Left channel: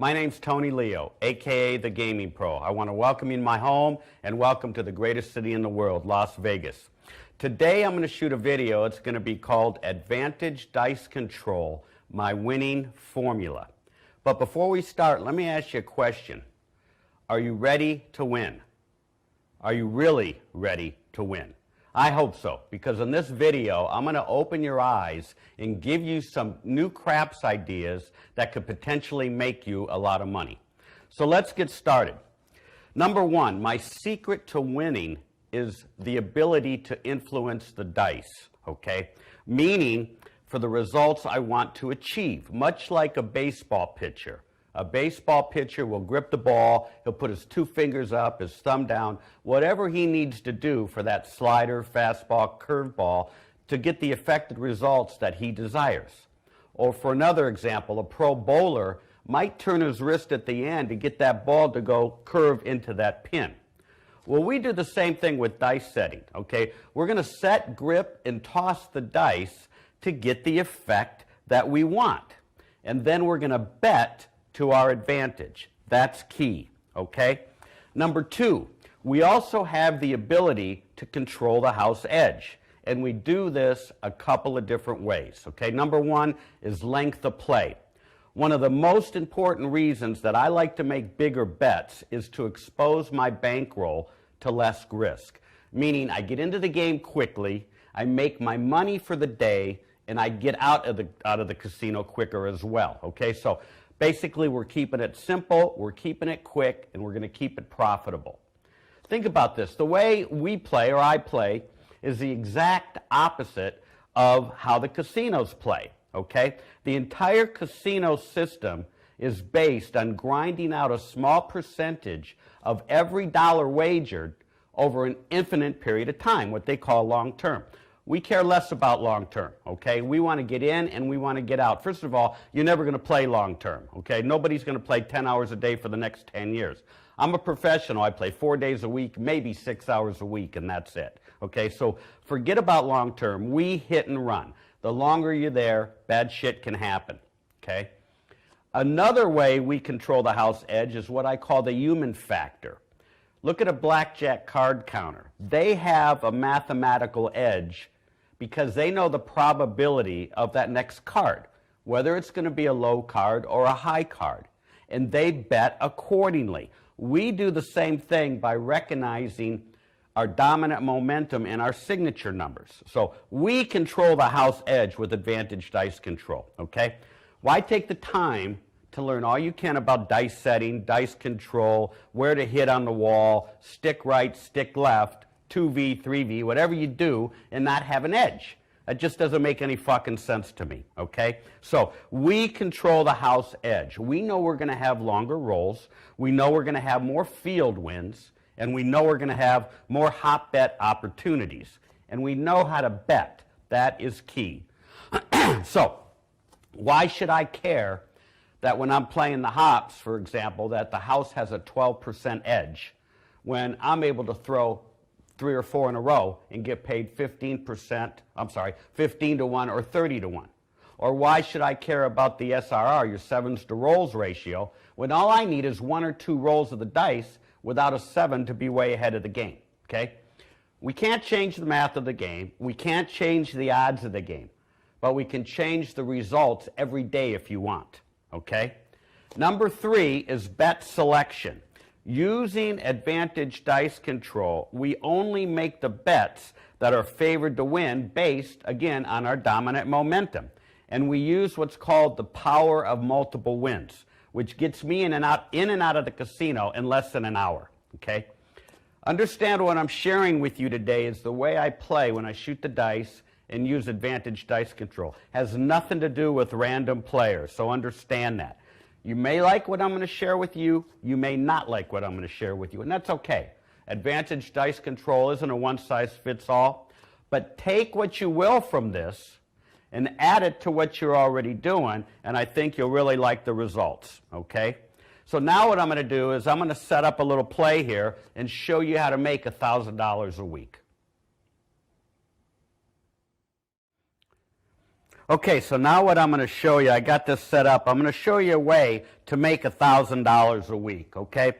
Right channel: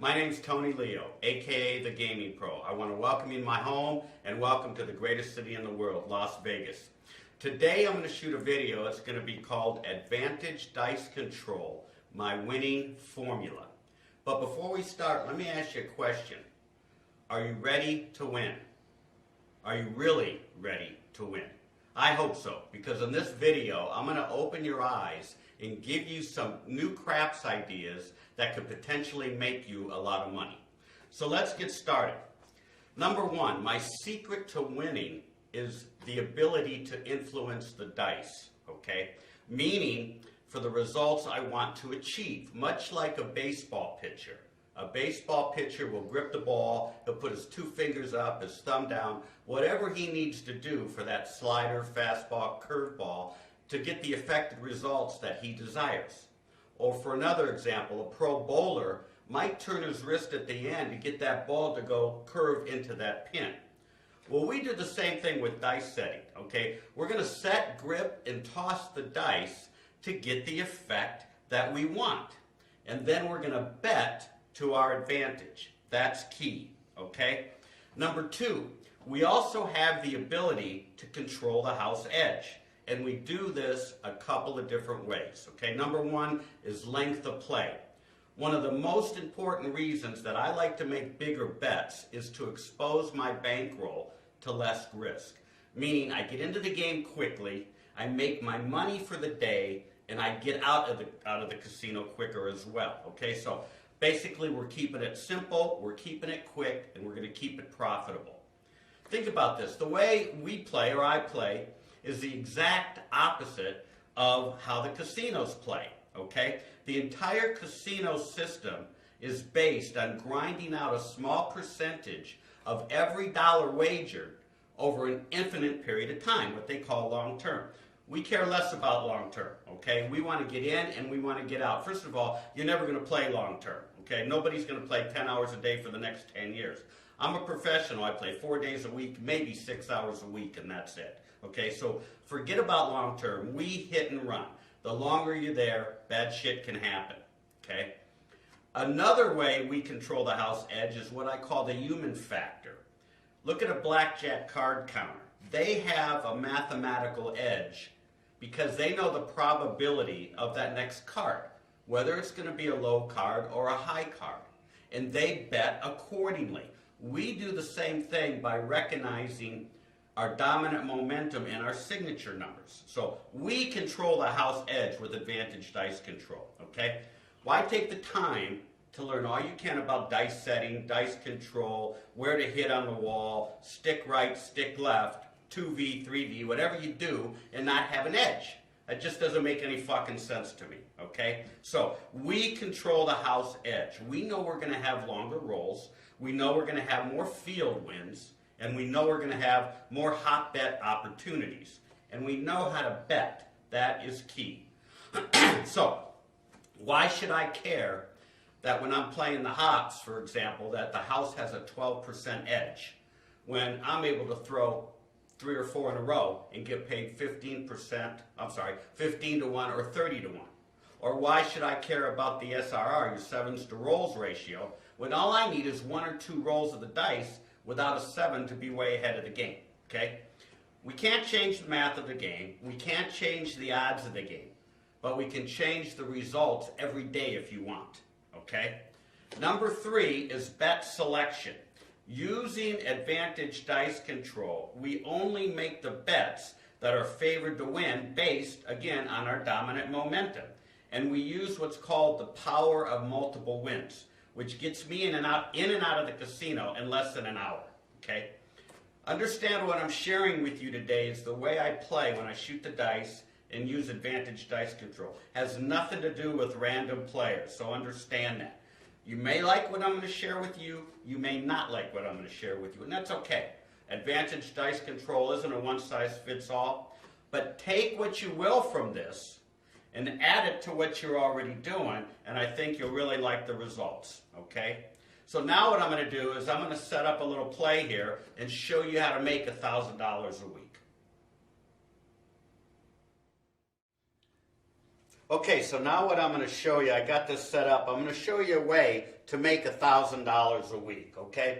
My name's Tony Leo, aka the Gaming Pro. I want to welcome you in my home and welcome to the greatest city in the world, Las Vegas. Today I'm going to shoot a video. It's going to be called Advantage Dice Control, my winning formula. But before we start, let me ask you a question. Are you ready to win? Are you really ready to win? I hope so, because in this video, I'm going to open your eyes and give you some new craps ideas that could potentially make you a lot of money. So let's get started. Number one, my secret to winning is the ability to influence the dice, okay? Meaning for the results I want to achieve, much like a baseball pitcher. A baseball pitcher will grip the ball, he'll put his two fingers up, his thumb down, whatever he needs to do for that slider, fastball, curveball to get the effective results that he desires. Or for another example, a pro bowler might turn his wrist at the end to get that ball to go curve into that pin. Well, we do the same thing with dice setting, okay? We're going to set, grip, and toss the dice to get the effect that we want. And then we're going to bet to our advantage. That's key, okay? Number two, we also have the ability to control the house edge. And we do this a couple of different ways, okay? Number one is length of play. One of the most important reasons that I like to make bigger bets is to expose my bankroll to less risk. Meaning I get into the game quickly, I make my money for the day, and I get out of the casino quicker as well, okay? So basically, we're keeping it simple, we're keeping it quick, and we're going to keep it profitable. Think about this. The way we play, or I play, is the exact opposite of how the casinos play, okay? The entire casino system is based on grinding out a small percentage of every dollar wagered over an infinite period of time, what they call long term. We care less about long term, okay? We want to get in and we want to get out. First of all, you're never going to play long term, okay? Nobody's going to play 10 hours a day for the next 10 years. I'm a professional. I play 4 days a week, maybe 6 hours a week, and that's it, okay? So forget about long term. We hit and run. The longer you're there, bad shit can happen, okay? Another way we control the house edge is what I call the human factor. Look at a blackjack card counter. They have a mathematical edge because they know the probability of that next card, whether it's going to be a low card or a high card, and they bet accordingly. We do the same thing by recognizing our dominant momentum and our signature numbers. So we control the house edge with Advantage Dice Control, okay? Why take the time to learn all you can about dice setting, dice control, where to hit on the wall, stick right, stick left, 2V, 3V, whatever you do, and not have an edge? That just doesn't make any fucking sense to me, okay? So we control the house edge. We know we're going to have longer rolls. We know we're going to have more field wins. And we know we're going to have more hot bet opportunities. And we know how to bet. That is key. So why should I care that when I'm playing the hops, for example, that the house has a 12% edge when I'm able to throw 3 or 4 in a row and get paid 15 to 1 or 30 to 1? Or why should I care about the SRR, your sevens to rolls ratio, when all I need is 1 or 2 rolls of the dice without a 7 to be way ahead of the game, okay? We can't change the math of the game. We can't change the odds of the game. But we can change the results every day if you want, okay? Number 3 is bet selection. Using Advantage Dice Control, we only make the bets that are favored to win based, again, on our dominant momentum. And we use what's called the power of multiple wins, which gets me in and out of the casino in less than an hour, okay? Understand what I'm sharing with you today is the way I play when I shoot the dice and use Advantage Dice Control. Has nothing to do with random players, so understand that. You may like what I'm going to share with you, you may not like what I'm going to share with you, and that's okay. Advantage Dice Control isn't a one-size-fits-all, but take what you will from this and add it to what you're already doing, and I think you'll really like the results, okay? So now what I'm going to do is I'm going to set up a little play here and show you how to make $1,000 a week. Okay, so now what I'm going to show you, I got this set up. I'm going to show you a way to make $1,000 a week, okay?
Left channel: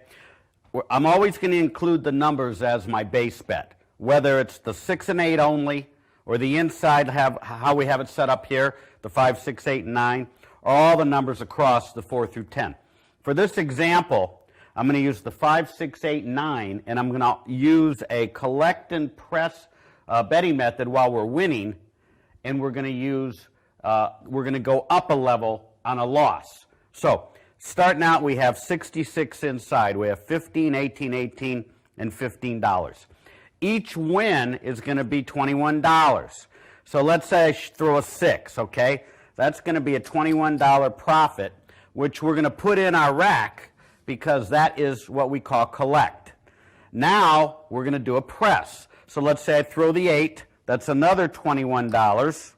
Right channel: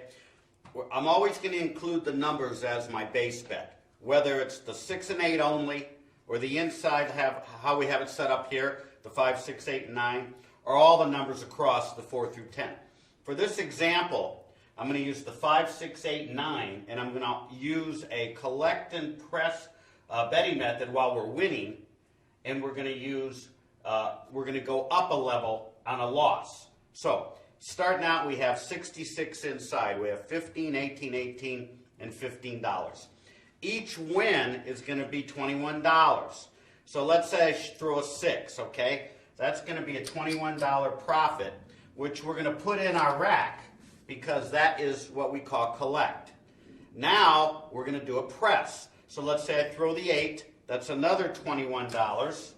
I'm always going to include the numbers as my base bet, whether it's the 6 and 8 only, or the inside how we have it set up here, the 5, 6, 8, and 9, or all the numbers across the 4 through 10. For this example, I'm going to use the 5, 6, 8, 9, and I'm going to use a collect and press betting method while we're winning, and we're going to go up a level on a loss. So starting out, we have 66 inside. We have 15, 18, 18, and $15. Each win is going to be $21. So let's say I throw a 6, okay? That's going to be a $21 profit, which we're going to put in our rack because that is what we call collect. Now we're going to do a press. So let's say I throw the 8. That's another $21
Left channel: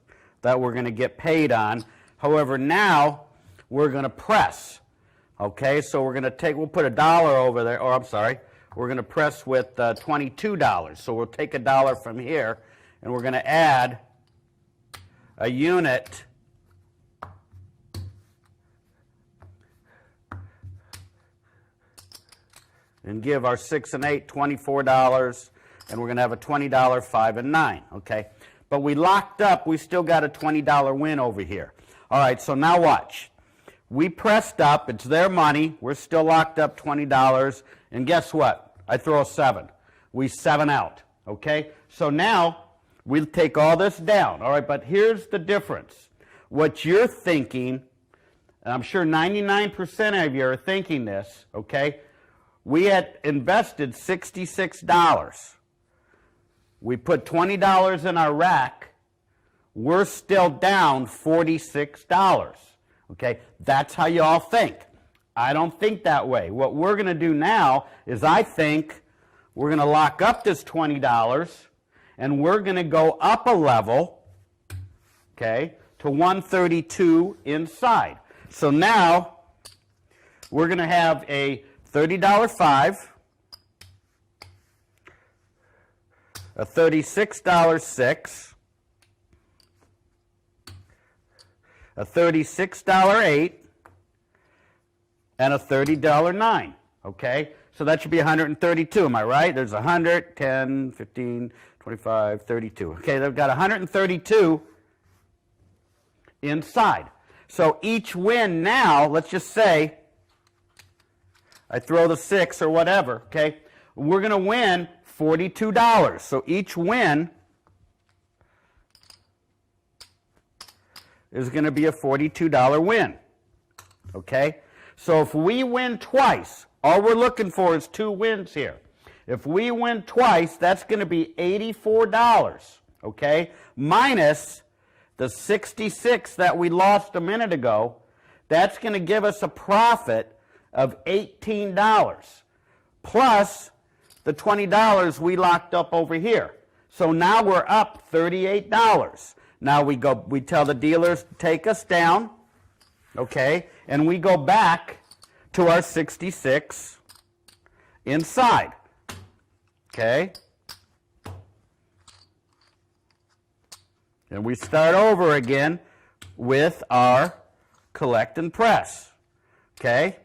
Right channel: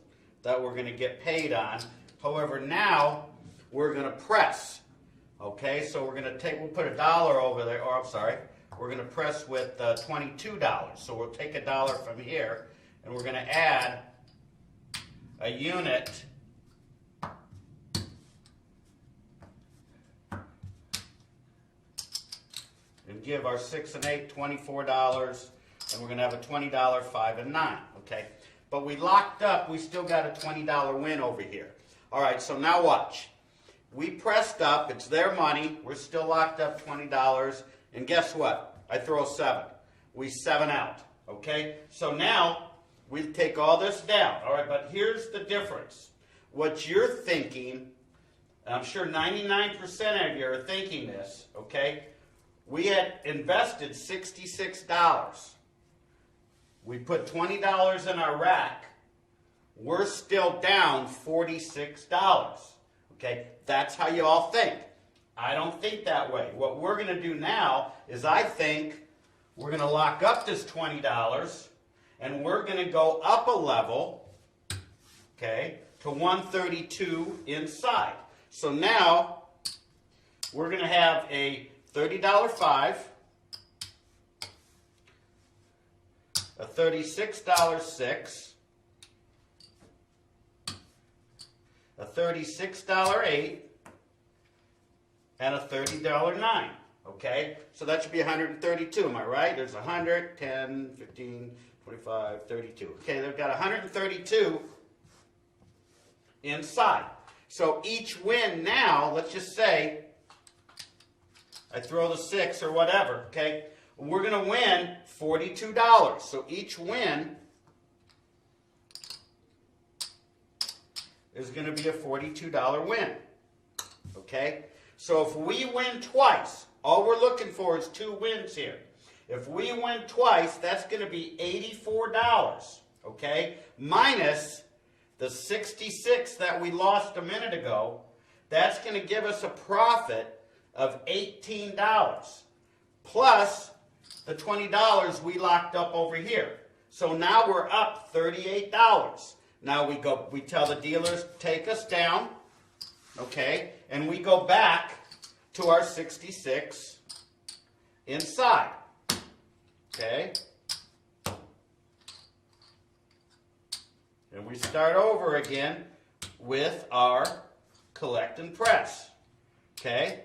that we're going to get paid on. However, now we're going to press. Okay, so we'll put $1 over there, or I'm sorry, we're going to press with $22. So we'll take $1 from here, and we're going to add a unit and give our 6 and 8 $24, and we're going to have a $20 5 and 9, okay? But we locked up, we still got a $20 win over here. All right, so now watch. We pressed up, it's their money, we're still locked up $20, and guess what? I throw a 7. We 7 out, okay? So now we take all this down, all right? But here's the difference. What you're thinking, and I'm sure 99% of you are thinking this, okay? We had invested $66. We put $20 in our rack. We're still down $46. Okay, that's how you all think. I don't think that way. What we're going to do now is I think we're going to lock up this $20 and we're going to go up a level, okay, to 132 inside. So now we're going to have a $30 5, a $36 6, a $36 8, and a $30 9, okay? So that should be 132, am I right? There's 100, 10, 15, 25, 32. Okay, they've got 132 inside. So each win now, let's just say, I throw the 6 or whatever, okay? We're going to win $42. So each win is going to be a $42 win, okay? So if we win twice, all we're looking for is 2 wins here. If we win twice, that's going to be $84, okay? Minus the 66 that we lost a minute ago, that's going to give us a profit of $18, plus the $20 we locked up over here. So now we're up $38. Now we tell the dealers, take us down, okay, and we go back to our 66 inside, okay? And we start over again with our collect and press, okay?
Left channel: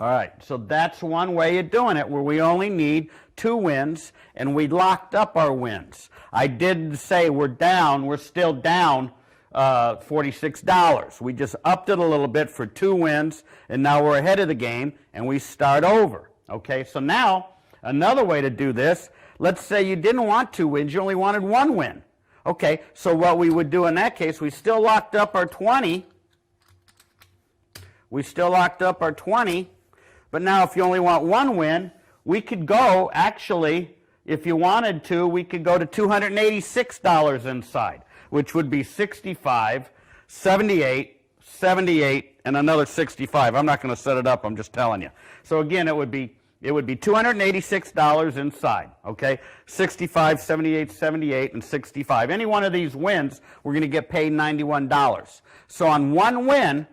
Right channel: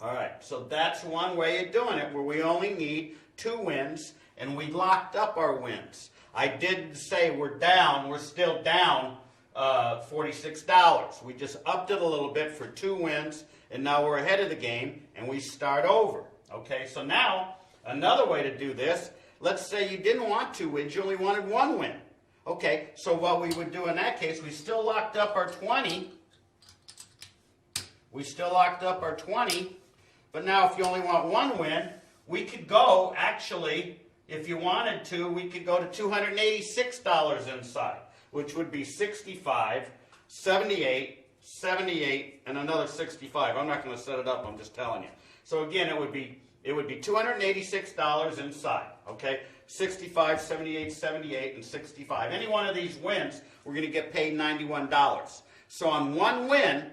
All right, so that's one way of doing it, where we only need 2 wins, and we locked up our wins. I didn't say we're down, we're still down $46. We just upped it a little bit for 2 wins, and now we're ahead of the game, and we start over. Okay, so now, another way to do this, let's say you didn't want 2 wins, you only wanted 1 win. Okay, so what we would do in that case, we still locked up our 20. We still locked up our 20, but now if you only want 1 win, we could go, actually, if you wanted to, we could go to $286 inside, which would be 65, 78, 78, and another 65. I'm not going to set it up, I'm just telling you. So again, it would be $286 inside, okay? 65, 78, 78, and 65. Any one of these wins, we're going to get paid $91. So on 1 win,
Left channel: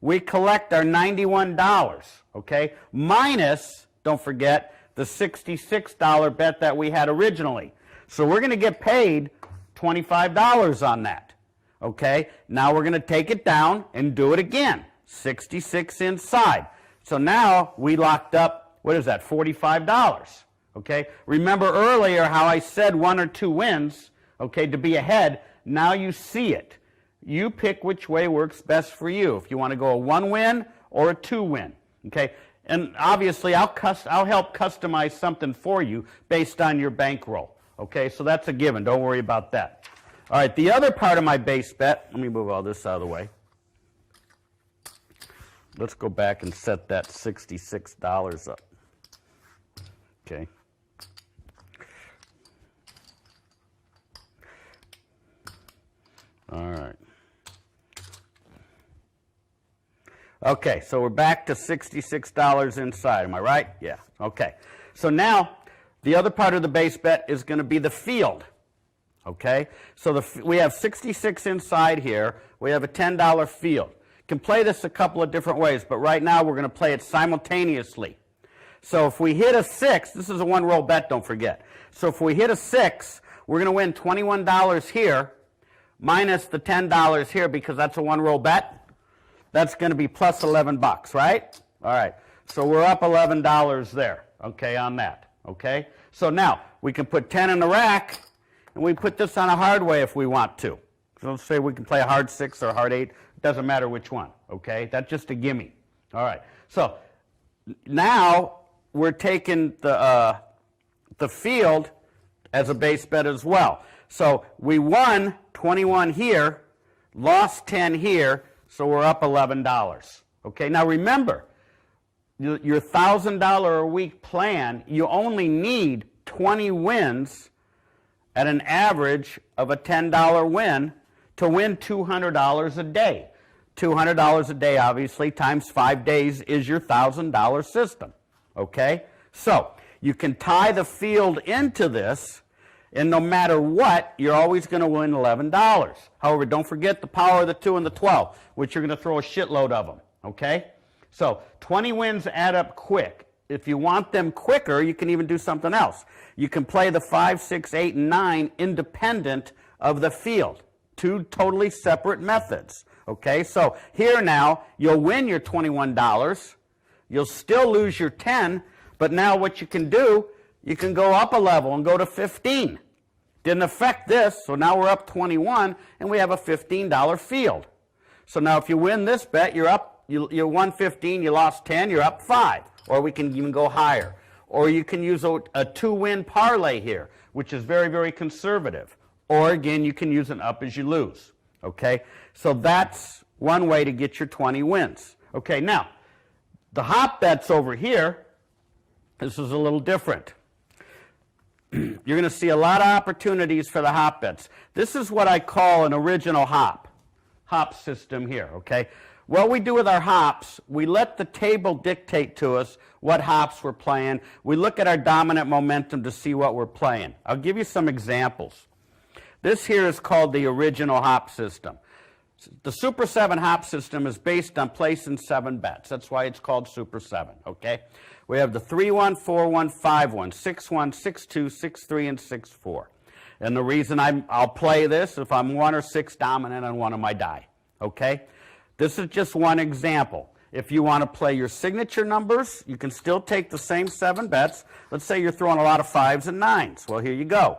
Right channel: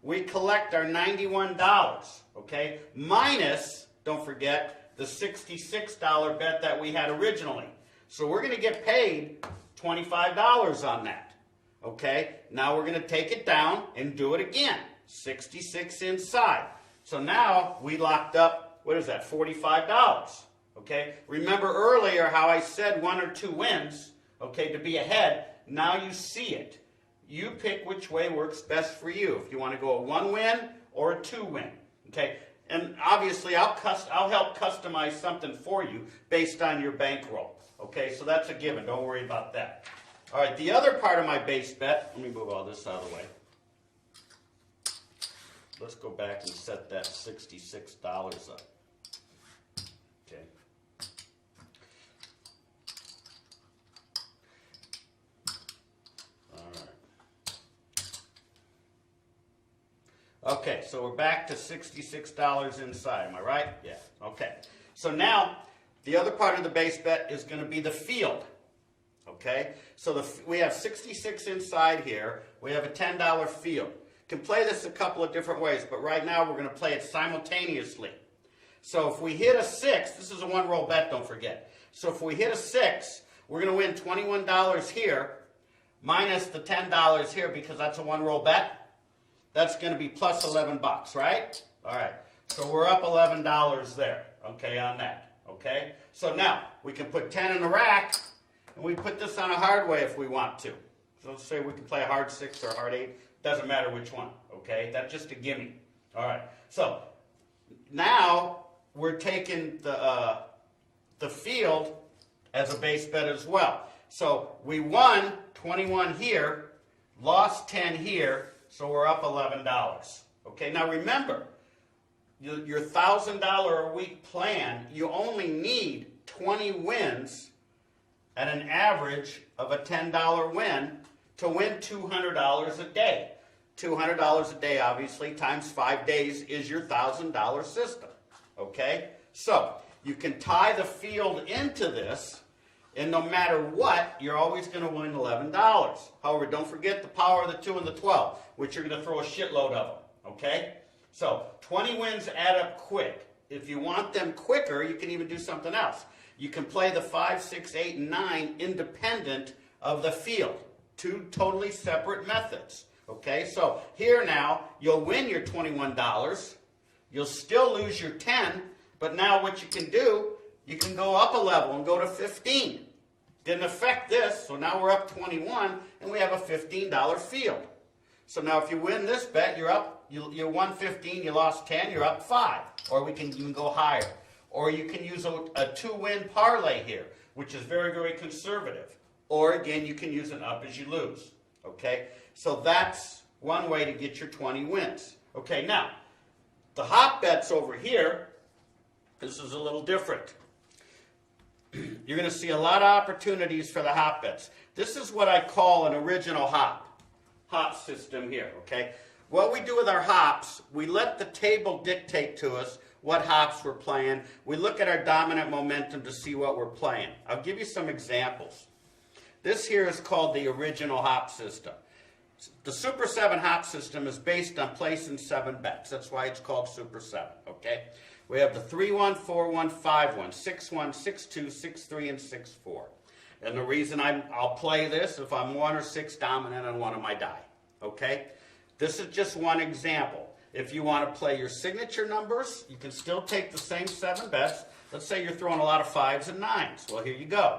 we collect our $91, okay? Minus, don't forget, the $66 bet that we had originally. So we're going to get paid $25 on that, okay? Now we're going to take it down and do it again. 66 inside. So now we locked up, what is that, $45. Okay, remember earlier how I said 1 or 2 wins, okay, to be ahead. Now you see it. You pick which way works best for you. If you want to go a 1 win or a 2 win, okay? And obviously I'll help customize something for you based on your bankroll, okay? So that's a given. Don't worry about that. All right, the other part of my base bet, let me move all this out of the way. Let's go back and set that $66 up. Okay. All right. Okay, so we're back to $66 inside. Am I right? Yeah. Okay. So now the other part of the base bet is going to be the field. Okay? So we have 66 inside here. We have a $10 field. Can play this a couple of different ways, but right now we're going to play it simultaneously. So if we hit a 6, this is a 1-roll bet, don't forget. So if we hit a 6, we're going to win $21 here minus the $10 here because that's a 1-roll bet. That's going to be plus 11 bucks, right? All right. So we're up $11 there, okay, on that, okay? So now we can put 10 in the rack, and we put this on a hard way if we want to. So let's say we can play a hard 6 or a hard 8. Doesn't matter which one, okay? That's just a gimme. All right. So now we're taking the field as a base bet as well. So we won 21 here, lost 10 here, so we're up $11. Okay, now remember, your $1,000 a week plan, you only need 20 wins at an average of a $10 win to win $200 a day. $200 a day, obviously, times 5 days is your $1,000 system. Okay, so you can tie the field into this, and no matter what, you're always going to win $11. However, don't forget the power of the 2 and the 12, which you're going to throw a shitload of them, okay? So 20 wins add up quick. If you want them quicker, you can even do something else. You can play the 5, 6, 8, and 9 independent of the field. 2 totally separate methods, okay? So here now, you'll win your $21. You'll still lose your 10, but now what you can do, you can go up a level and go to 15. Didn't affect this, so now we're up 21, and we have a $15 field. So now if you win this bet, you're up, you won 15, you lost 10, you're up 5. Or we can even go higher. Or you can use a 2-win parlay here, which is very, very conservative. Or again, you can use an up as you lose. Okay? So that's one way to get your 20 wins. Okay, now, the hop bets over here, this is a little different. You're going to see a lot of opportunities for the hop bets. This is what I call an original hop system here, okay? What we do with our hops, we let the table dictate to us what hops we're playing. We look at our dominant momentum to see what we're playing. I'll give you some examples. This here is called the original hop system. The Super 7 hop system is based on placing 7 bets. That's why it's called Super 7, okay? We have the 3-1, 4-1, 5-1, 6-1, 6-2, 6-3, and 6-4. And the reason I'll play this if I'm 1 or 6 dominant on one of my die, okay? This is just one example. If you want to play your signature numbers, you can still take the same 7 bets. Let's say you're throwing a lot of 5s and 9s. Well, here you go.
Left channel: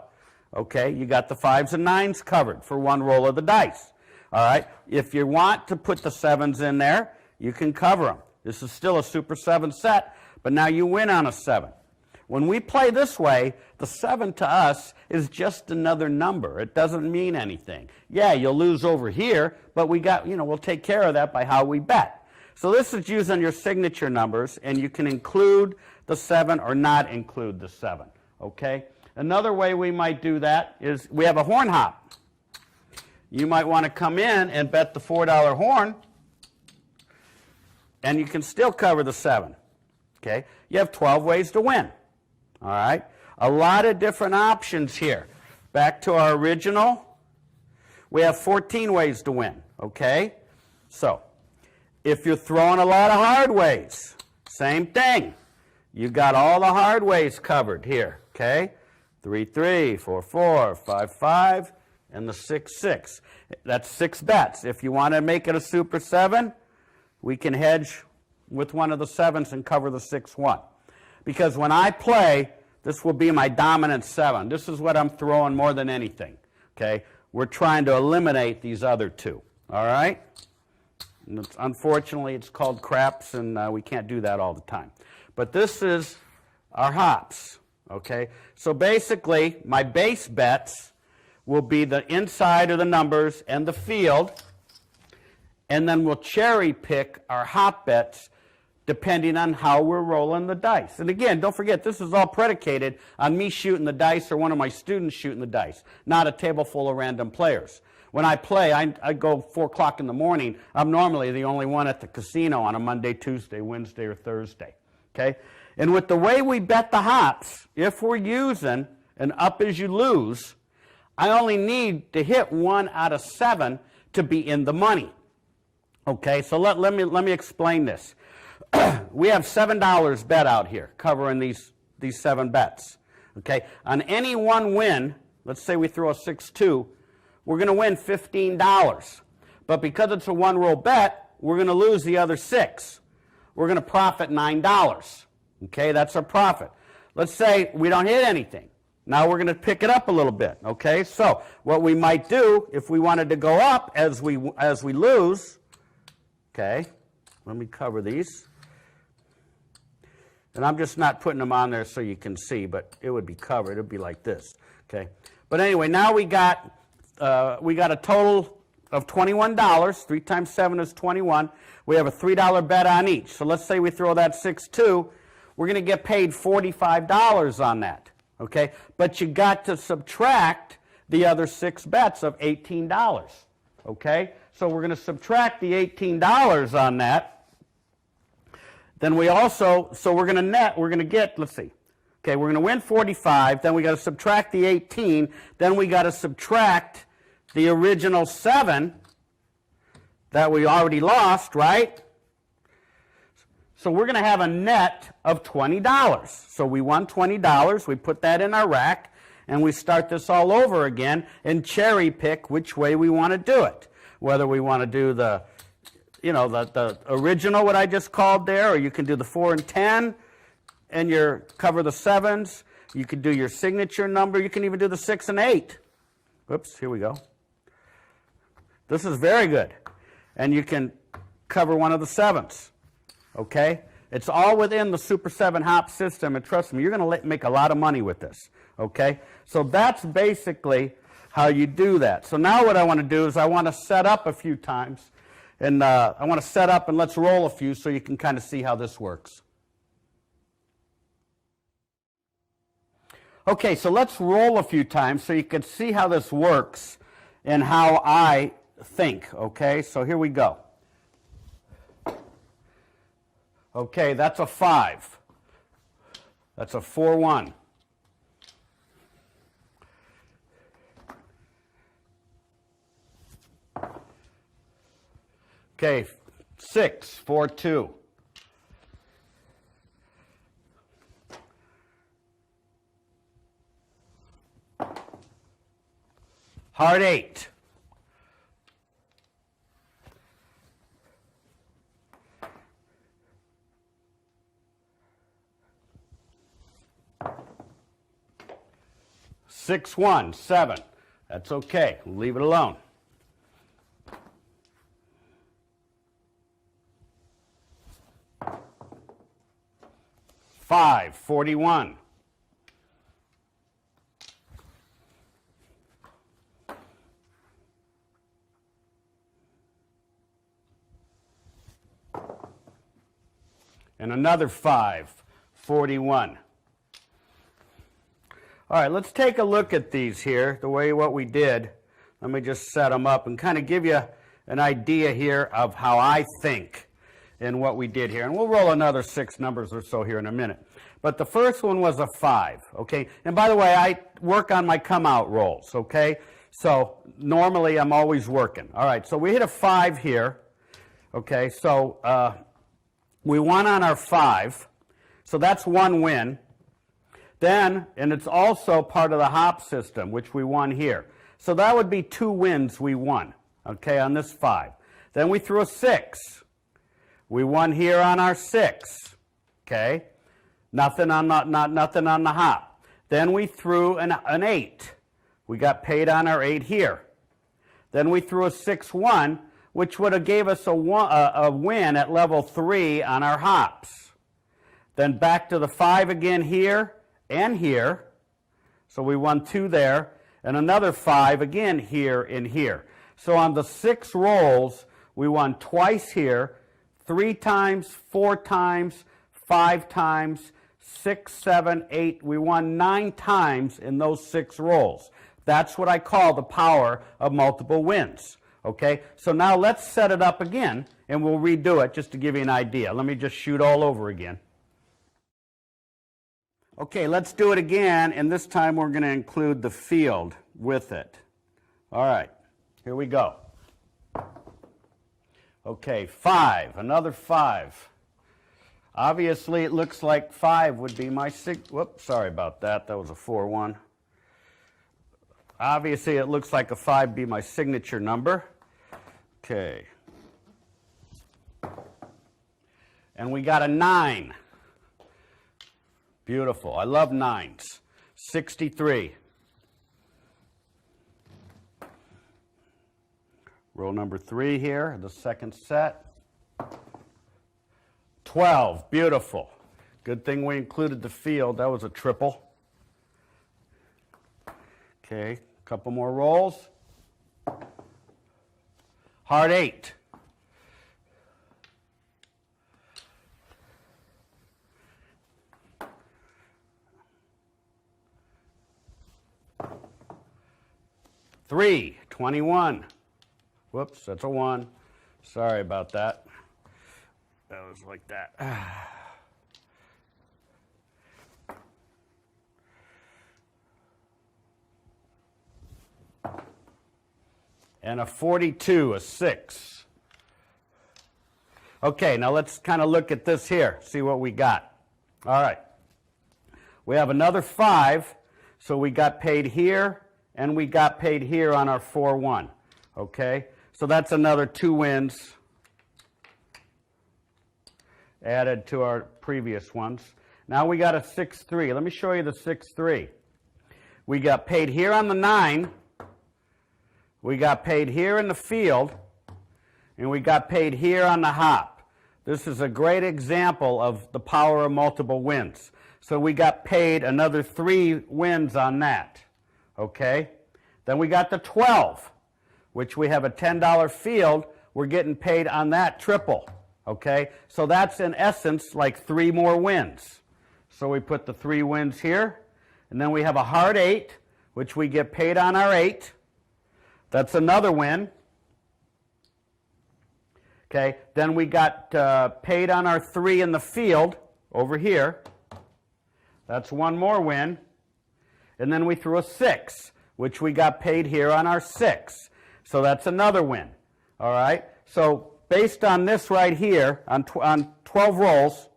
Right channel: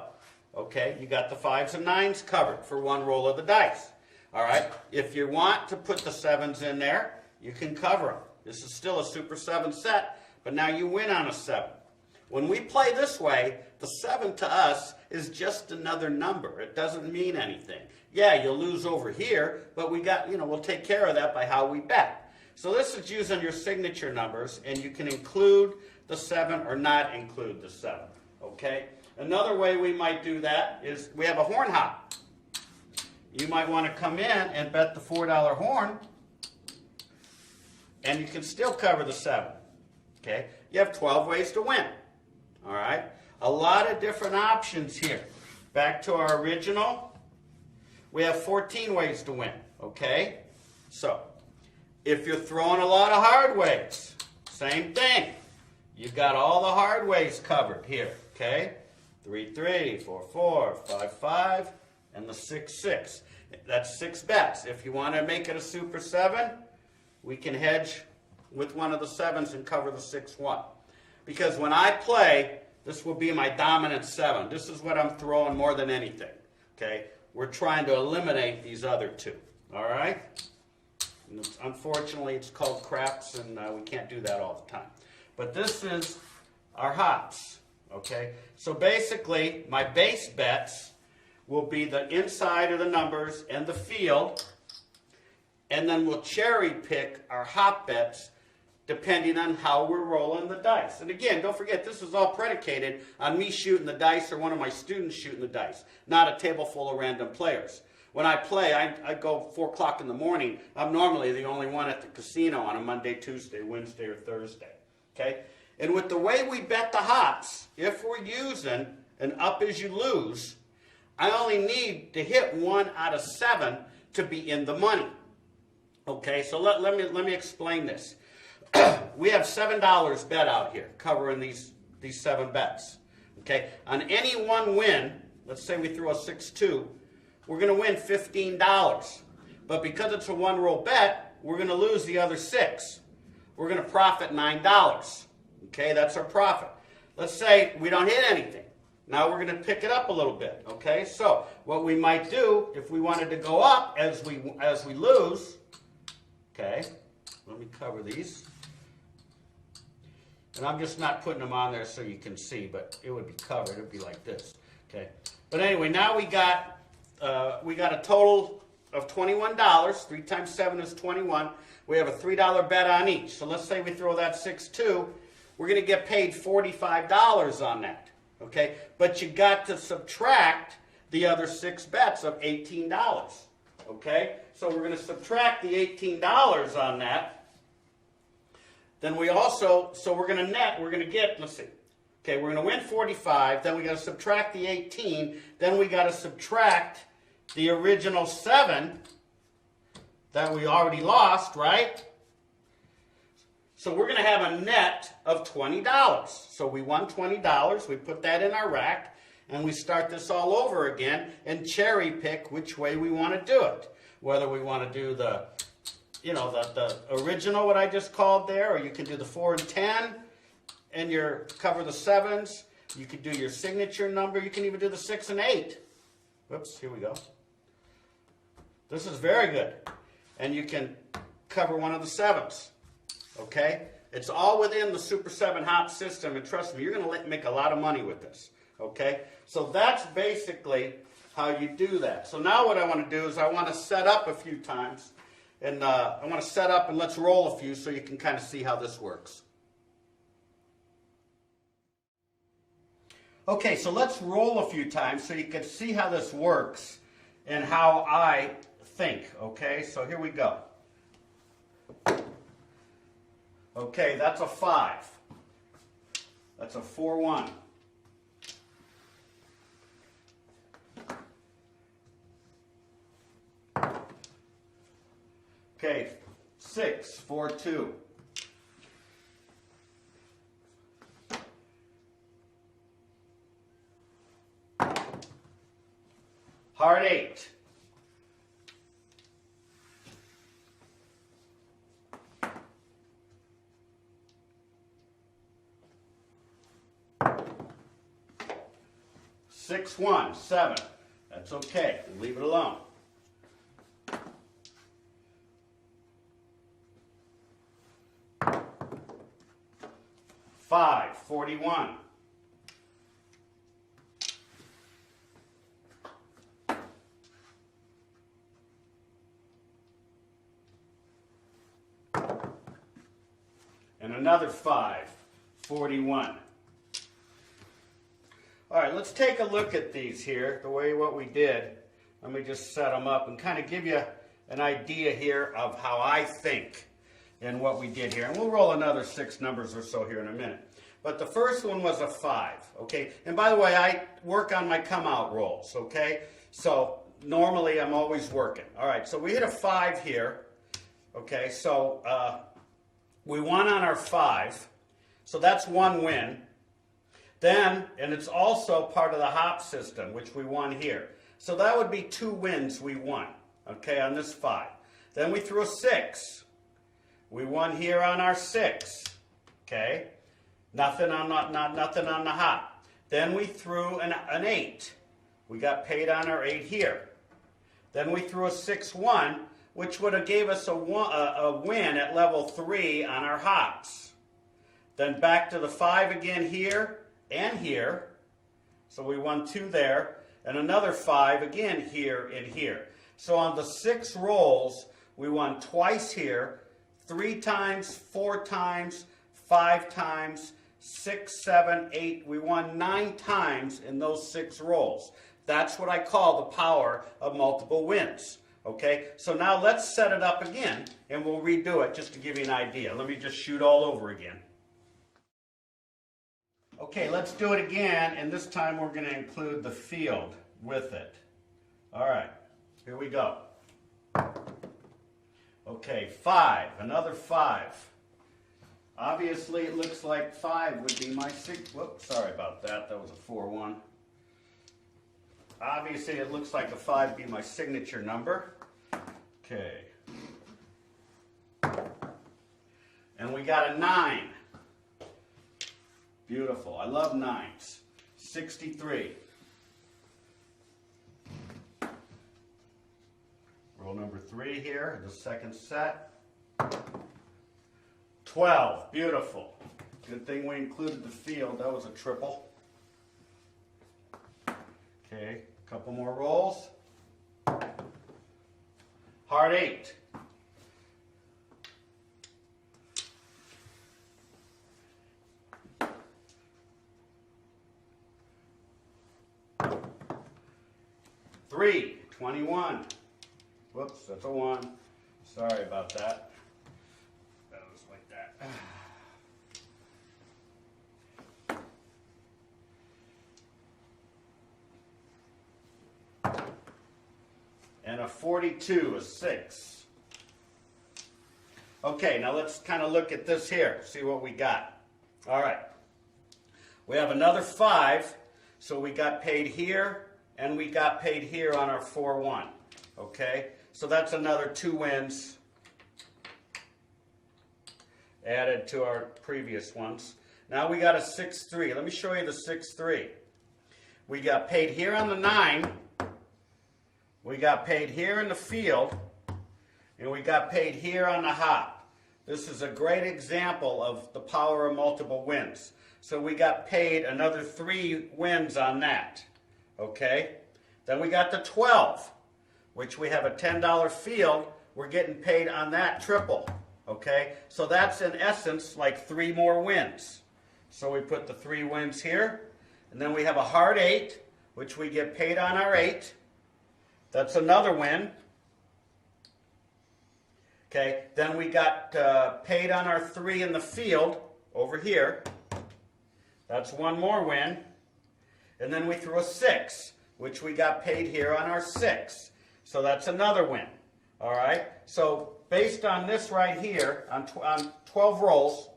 Okay, you got the 5s and 9s covered for 1 roll of the dice. All right, if you want to put the 7s in there, you can cover them. This is still a Super 7 set, but now you win on a 7. When we play this way, the 7 to us is just another number. It doesn't mean anything. Yeah, you'll lose over here, but we got, we'll take care of that by how we bet. So this is using your signature numbers, and you can include the 7 or not include the 7, okay? Another way we might do that is we have a horn hop. You might want to come in and bet the $4 horn, and you can still cover the 7, okay? You have 12 ways to win, all right? A lot of different options here. Back to our original, we have 14 ways to win, okay? So, if you're throwing a lot of hard ways, same thing. You've got all the hard ways covered here, okay? 3-3, 4-4, 5-5, and the 6-6. That's 6 bets. If you want to make it a Super 7, we can hedge with one of the 7s and cover the 6-1. Because when I play, this will be my dominant 7. This is what I'm throwing more than anything. Okay? We're trying to eliminate these other 2. All right? And unfortunately, it's called craps, and we can't do that all the time. But this is our hops. Okay? So basically, my base bets will be the inside of the numbers and the field, and then we'll cherry pick our hop bets depending on how we're rolling the dice. And again, don't forget, this is all predicated on me shooting the dice or one of my students shooting the dice, not a table full of random players. When I play, I go 4 o'clock in the morning. I'm normally the only one at the casino on a Monday, Tuesday, Wednesday, or Thursday. Okay? And with the way we bet the hops, if we're using an up as you lose, I only need to hit 1 out of 7 to be in the money. Okay, so let me explain this. We have $7 bet out here covering these 7 bets. Okay, on any one win, let's say we throw a 6-2, we're going to win $15. But because it's a one-roll bet, we're going to lose the other 6. We're going to profit $9. Okay, that's our profit. Let's say we don't hit anything. Now we're going to pick it up a little bit. Okay, so what we might do if we wanted to go up as we lose. Okay, let me cover these. And I'm just not putting them on there so you can see, but it would be covered. It would be like this. Okay, but anyway, now we got a total of $21. 3 times 7 is 21. We have a $3 bet on each. So let's say we throw that 6-2. We're going to get paid $45 on that. Okay, but you got to subtract the other 6 bets of $18. Okay, so we're going to subtract the $18 on that. Then we also, so we're going to get, let's see. Okay, we're going to win 45, then we got to subtract the 18, then we got to subtract the original 7 that we already lost, right? So we're going to have a net of $20. So we won $20, we put that in our rack, and we start this all over again and cherry pick which way we want to do it. Whether we want to do the original, what I just called there, or you can do the 4 and 10 and cover the 7s. You could do your signature number. You can even do the 6 and 8. Oops, here we go. This is very good. And you can cover one of the 7s. Okay? It's all within the Super 7 hop system, and trust me, you're going to make a lot of money with this. Okay? So that's basically how you do that. So now what I want to do is I want to set up a few times. And I want to set up and let's roll a few so you can kind of see how this works. Okay, so let's roll a few times so you can see how this works and how I think. Okay, so here we go. Okay, that's a 5. That's a 4-1. Okay, 6, 4-2. Heart 8. Six, 1, 7. That's okay. We'll leave it alone. 5, 41. And another 5, 41. All right, let's take a look at these here, what we did. Let me just set them up and kind of give you an idea here of how I think and what we did here. And we'll roll another 6 numbers or so here in a minute. But the first one was a 5, okay? And by the way, I work on my come-out rolls, okay? So normally I'm always working. All right, so we hit a 5 here, okay? So we won on our 5, so that's 1 win. Then, and it's also part of the hop system, which we won here. So that would be 2 wins we won, okay, on this 5. Then we threw a 6. We won here on our 6. Okay? Nothing on nothing on the hop. Then we threw an 8. We got paid on our 8 here. Then we threw a 6-1, which would have gave us a win at level 3 on our hops. Then back to the 5 again here and here. So we won 2 there, and another 5 again here and here. So on the 6 rolls, we won twice here, 3 times, 4 times, 5 times, 6, 7, 8. We won 9 times in those 6 rolls. That's what I call the power of multiple wins. Okay, so now let's set it up again, and we'll redo it just to give you an idea. Let me just shoot all over again. Okay, let's do it again, and this time we're going to include the field with it. All right, here we go. Okay, 5, another 5. Obviously, it looks like 5 would be my 6. Whoops, sorry about that. That was a 4-1. Obviously, it looks like a 5 would be my signature number. Okay. And we got a 9. Beautiful. I love 9s. 63. Roll number 3 here, the second set. 12. Beautiful. Good thing we included the field. That was a triple. Okay, a couple more rolls. Heart 8. Three, 21. Whoops, that's a 1. Sorry about that. That was like that. And a 42, a 6. Okay, now let's kind of look at this here, see what we got. All right. We have another 5, so we got paid here, and we got paid here on our 4-1. Okay, so that's another 2 wins added to our previous ones. Now we got a 6-3. Let me show you the 6-3. We got paid here on the 9. We got paid here in the field, and we got paid here on the hop. This is a great example of the power of multiple wins. So we got paid another 3 wins on that. Okay? Then we got the 12, which we have a $10 field. We're getting paid on that triple. Okay? So that's in essence like 3 more wins. So we put the 3 wins here, and then we have a hard 8, which we get paid on our 8. That's another win. Okay, then we got paid on our 3 in the field over here. That's 1 more win. And then we threw a 6, which we got paid here on our 6. So that's another win. All right, so based on this right here, on 12 rolls,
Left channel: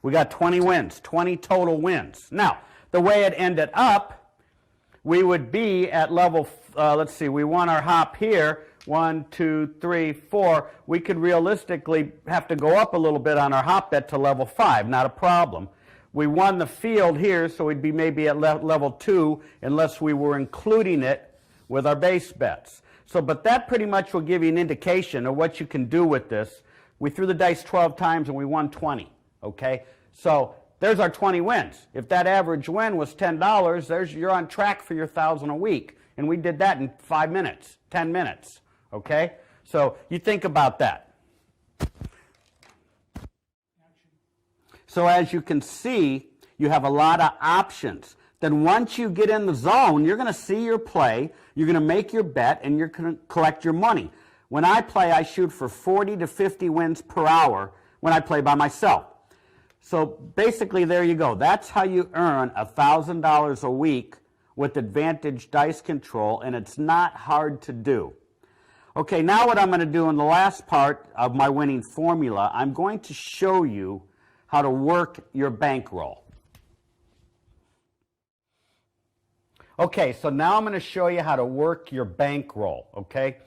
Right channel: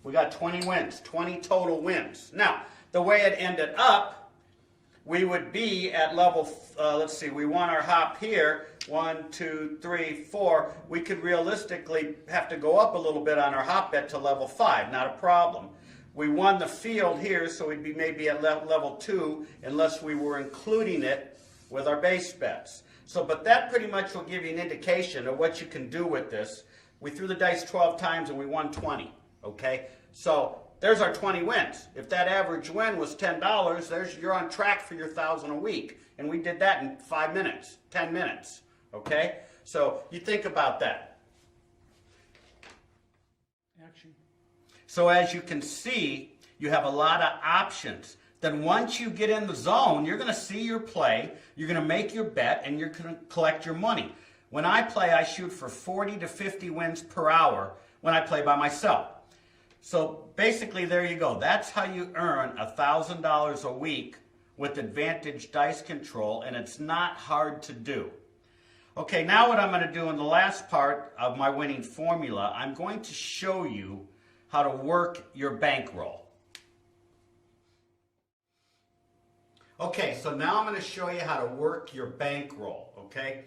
we got 20 wins, 20 total wins. Now, the way it ended up, we would be at level, let's see, we won our hop here, 1, 2, 3, 4. We could realistically have to go up a little bit on our hop bet to level 5, not a problem. We won the field here, so we'd be maybe at level 2 unless we were including it with our base bets. So, but that pretty much will give you an indication of what you can do with this. We threw the dice 12 times and we won 20. Okay, so there's our 20 wins. If that average win was $10, you're on track for your 1,000 a week. And we did that in 5 minutes, 10 minutes. Okay, so you think about that. Action. So as you can see, you have a lot of options. Then once you get in the zone, you're going to see your play, you're going to make your bet, and you're going to collect your money. When I play, I shoot for 40 to 50 wins per hour when I play by myself. So basically, there you go. That's how you earn $1,000 a week with Advantage Dice Control, and it's not hard to do. Okay, now what I'm going to do in the last part of my winning formula, I'm going to show you how to work your bankroll. Okay, so now I'm going to show you how to work your bankroll, okay?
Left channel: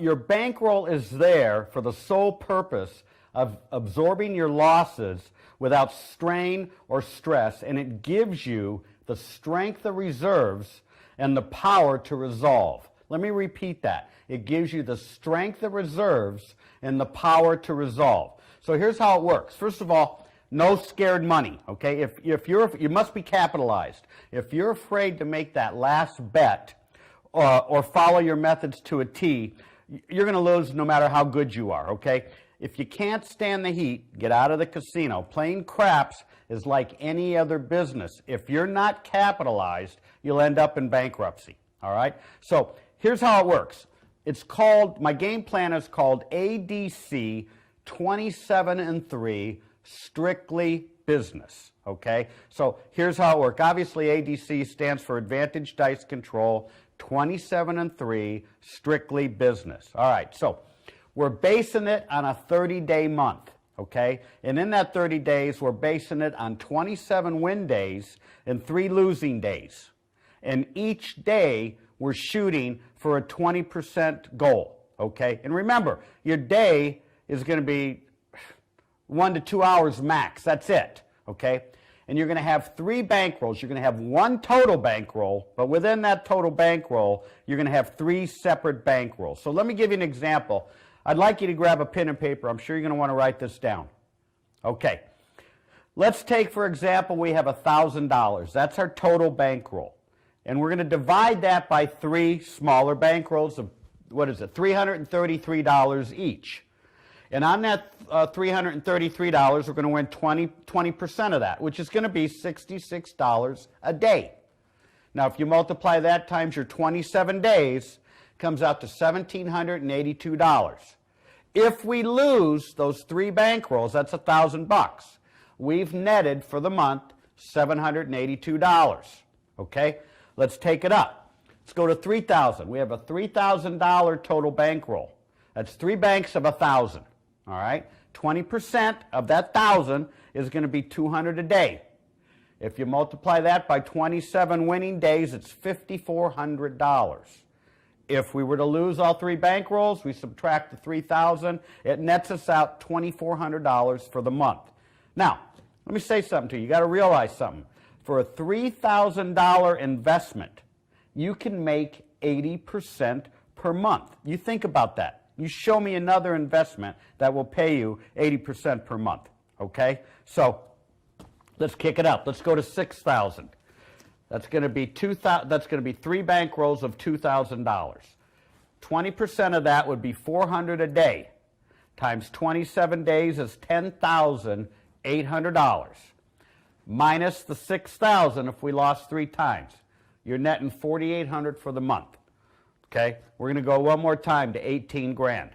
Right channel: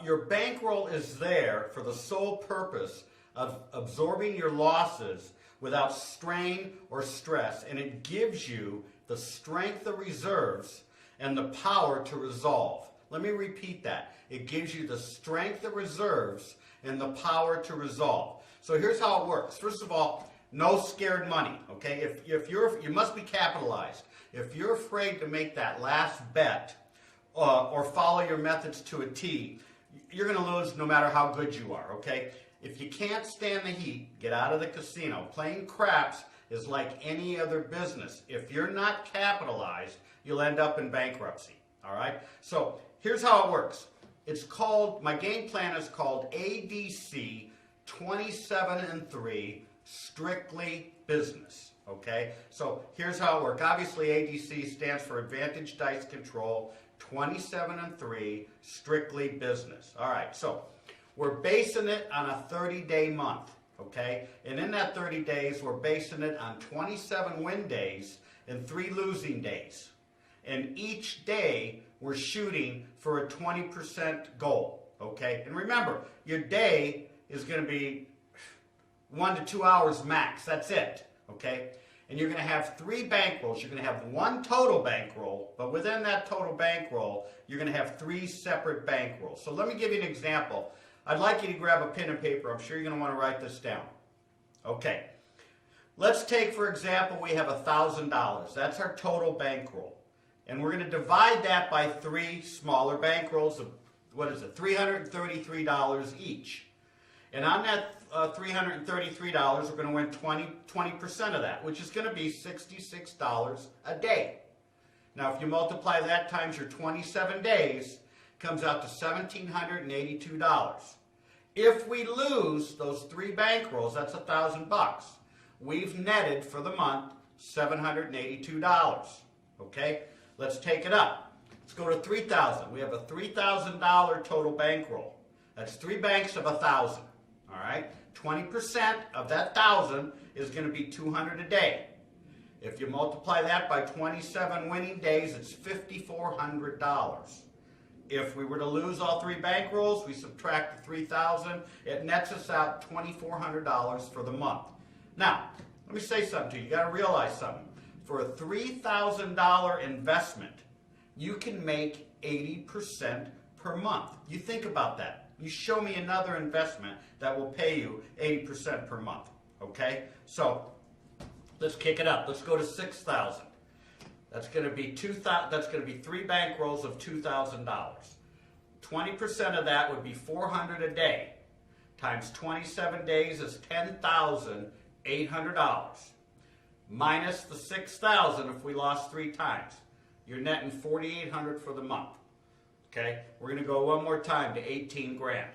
Your bankroll is there for the sole purpose of absorbing your losses without strain or stress, and it gives you the strength of reserves and the power to resolve. Let me repeat that. It gives you the strength of reserves and the power to resolve. So here's how it works. First of all, no scared money, okay? You must be capitalized. If you're afraid to make that last bet or follow your methods to a T, you're going to lose no matter how good you are, okay? If you can't stand the heat, get out of the casino. Playing craps is like any other business. If you're not capitalized, you'll end up in bankruptcy, all right? So here's how it works. It's called, my game plan is called ADC 27-3, strictly business, okay? So here's how it works. Obviously, ADC stands for Advantage Dice Control, 27-3, strictly business. All right, so we're basing it on a 30-day month, okay? And in that 30 days, we're basing it on 27 win days and 3 losing days. And each day, we're shooting for a 20% goal, okay? And remember, your day is going to be 1 to 2 hours max. That's it, okay? And you're going to have 3 bankrolls. You're going to have 1 total bankroll, but within that total bankroll, you're going to have 3 separate bankrolls. So let me give you an example. I'd like you to grab a pen and paper. I'm sure you're going to want to write this down. Okay. Let's take, for example, we have $1,000. That's our total bankroll. And we're going to divide that by 3 smaller bankrolls of, what is it, $333 each. And on that $333, we're going to win 20% of that, which is going to be $66 a day. Now, if you multiply that times your 27 days, it comes out to $1,782. If we lose those 3 bankrolls, that's $1,000. We've netted for the month $782. Okay? Let's take it up. Let's go to $3,000. We have a $3,000 total bankroll. That's 3 banks of 1,000. All right? 20% of that 1,000 is going to be $200 a day. If you multiply that by 27 winning days, it's $5,400. If we were to lose all 3 bankrolls, we subtract the 3,000, it nets us out $2,400 for the month. Now, let me say something to you. You got to realize something. For a $3,000 investment, you can make 80% per month. You think about that. You show me another investment that will pay you 80% per month, okay? So let's kick it up. Let's go to $6,000. That's going to be 3 bankrolls of $2,000. 20% of that would be $400 a day. Times 27 days is $10,800. Minus the $6,000 if we lost 3 times. You're netting $4,800 for the month. Okay, we're going to go one more time to 18 grand.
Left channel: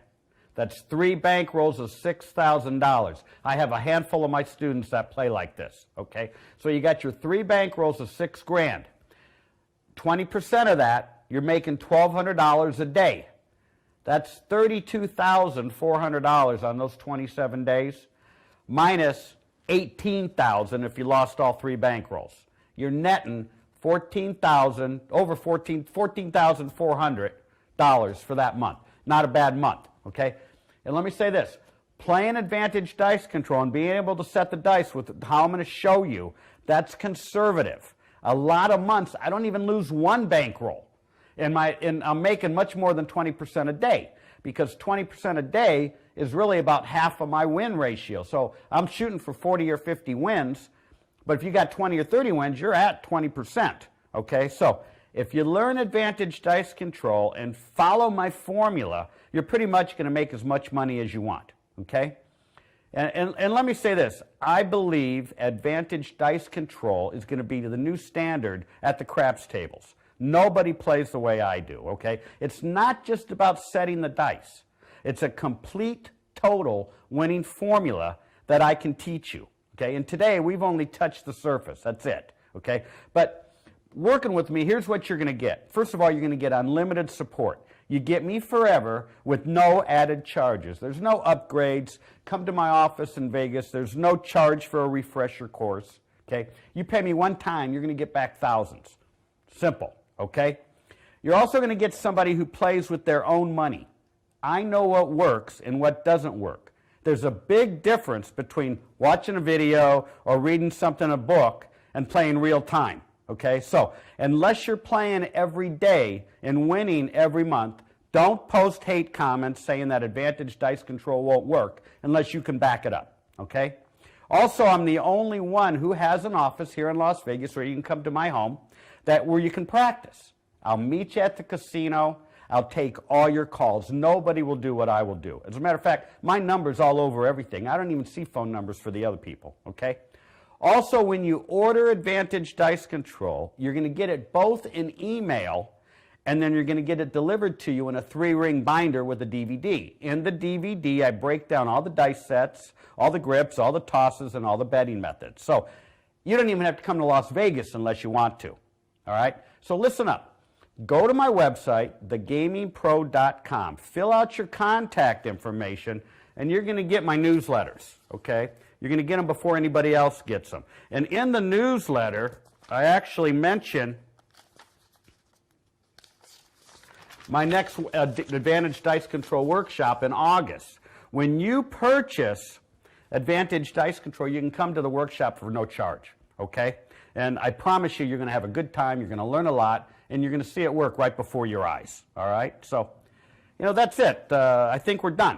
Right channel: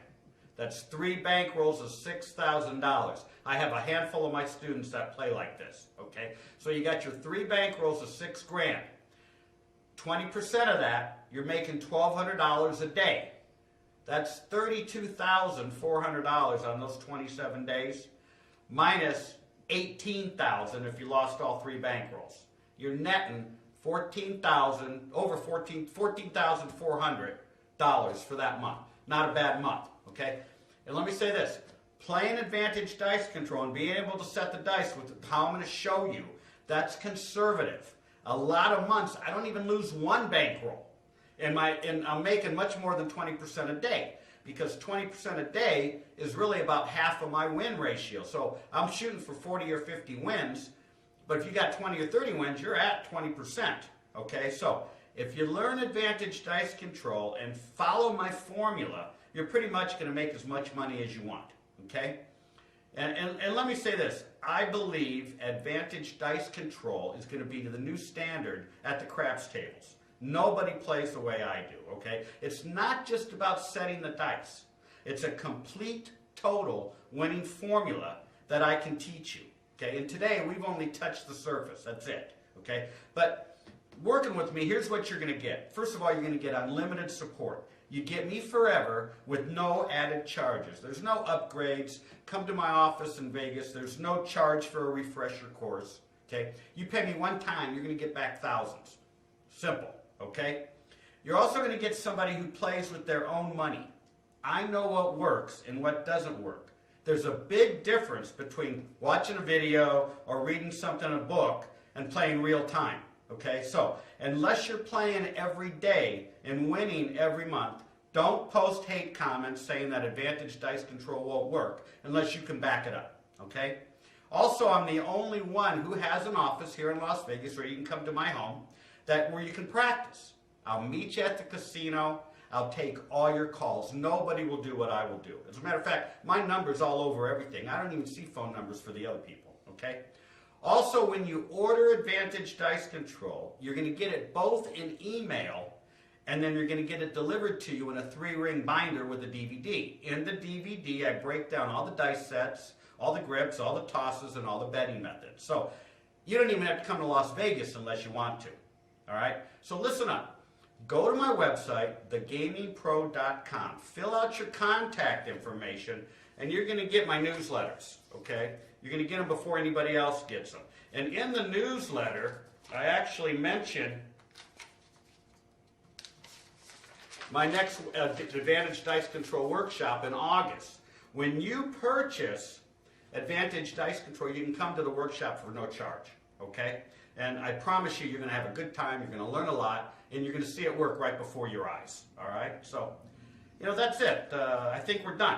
That's 3 bankrolls of $6,000. I have a handful of my students that play like this. Okay, so you got your 3 bankrolls of 6 grand. 20% of that, you're making $1,200 a day. That's $32,400 on those 27 days, minus $18,000 if you lost all 3 bankrolls. You're netting $14,400 for that month. Not a bad month, okay? And let me say this. Playing Advantage Dice Control and being able to set the dice with how I'm going to show you, that's conservative. A lot of months, I don't even lose 1 bankroll. And I'm making much more than 20% a day, because 20% a day is really about half of my win ratio. So I'm shooting for 40 or 50 wins, but if you got 20 or 30 wins, you're at 20%, okay? So if you learn Advantage Dice Control and follow my formula, you're pretty much going to make as much money as you want, okay? And let me say this. I believe Advantage Dice Control is going to be the new standard at the craps tables. Nobody plays the way I do, okay? It's not just about setting the dice. It's a complete, total winning formula that I can teach you. Okay, and today we've only touched the surface. That's it. Okay, but working with me, here's what you're going to get. First of all, you're going to get unlimited support. You get me forever with no added charges. There's no upgrades. Come to my office in Vegas. There's no charge for a refresher course. Okay, you pay me one time, you're going to get back thousands. Simple. okay? You're also going to get somebody who plays with their own money. I know what works and what doesn't work. There's a big difference between watching a video or reading something in a book and playing real time, okay? So, unless you're playing every day and winning every month, don't post hate comments saying that Advantage Dice Control won't work unless you can back it up, okay? Also, I'm the only one who has an office here in Las Vegas where you can come to my home where you can practice. I'll meet you at the casino. I'll take all your calls. Nobody will do what I will do. As a matter of fact, my number's all over everything. I don't even see phone numbers for the other people, okay? Also, when you order Advantage Dice Control, you're going to get it both in email, and then you're going to get it delivered to you in a 3-ring binder with a DVD. In the DVD, I break down all the dice sets, all the grips, all the tosses, and all the betting methods. So you don't even have to come to Las Vegas unless you want to, all right? So listen up. Go to my website, thegamingpro.com. Fill out your contact information, and you're going to get my newsletters, okay? You're going to get them before anybody else gets them. And in the newsletter, I actually mention my next Advantage Dice Control workshop in August. When you purchase Advantage Dice Control, you can come to the workshop for no charge, okay? And I promise you're going to have a good time, you're going to learn a lot, and you're going to see it work right before your eyes, all right? So, that's it. I think we're done.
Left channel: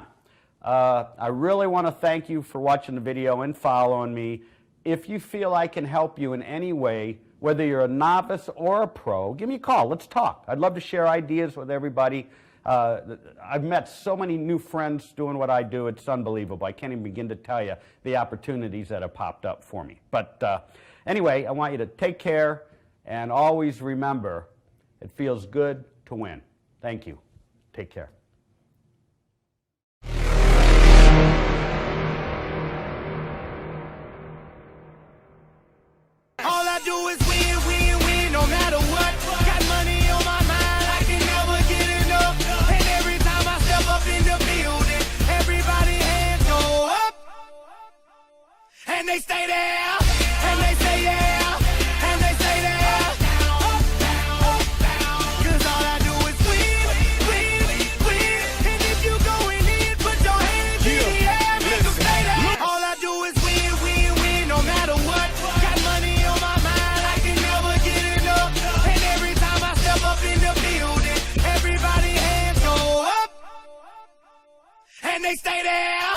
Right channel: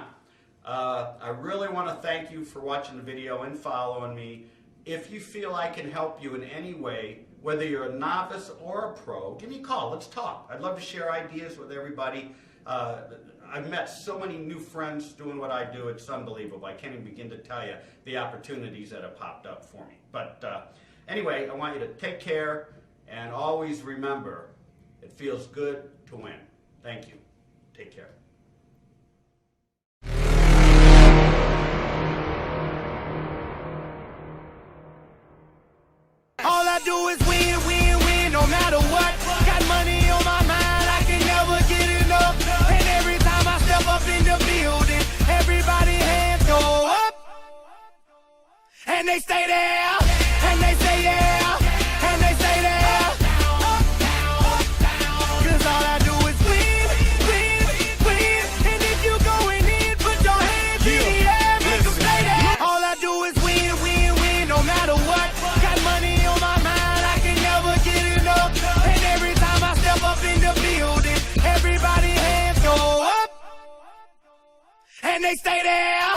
I really want to thank you for watching the video and following me. If you feel I can help you in any way, whether you're a novice or a pro, give me a call. Let's talk. I'd love to share ideas with everybody. I've met so many new friends doing what I do. It's unbelievable. I can't even begin to tell you the opportunities that have popped up for me. But anyway, I want you to take care and always remember, it feels good to win. Thank you. Take care. All I do is win, win, win, no matter what. Got money on my mind, I can never get enough. And every time I step up in the building, everybody hands go up. And they stay there, and they say yeah, and they stay there. Cause all I do is win, win, win. And if you going in, put your hands in the air, make them stay there. All I do is win, win, win, no matter what. Got money on my mind, I can never get enough. And every time I step up in the building, everybody hands go up. And they stay there.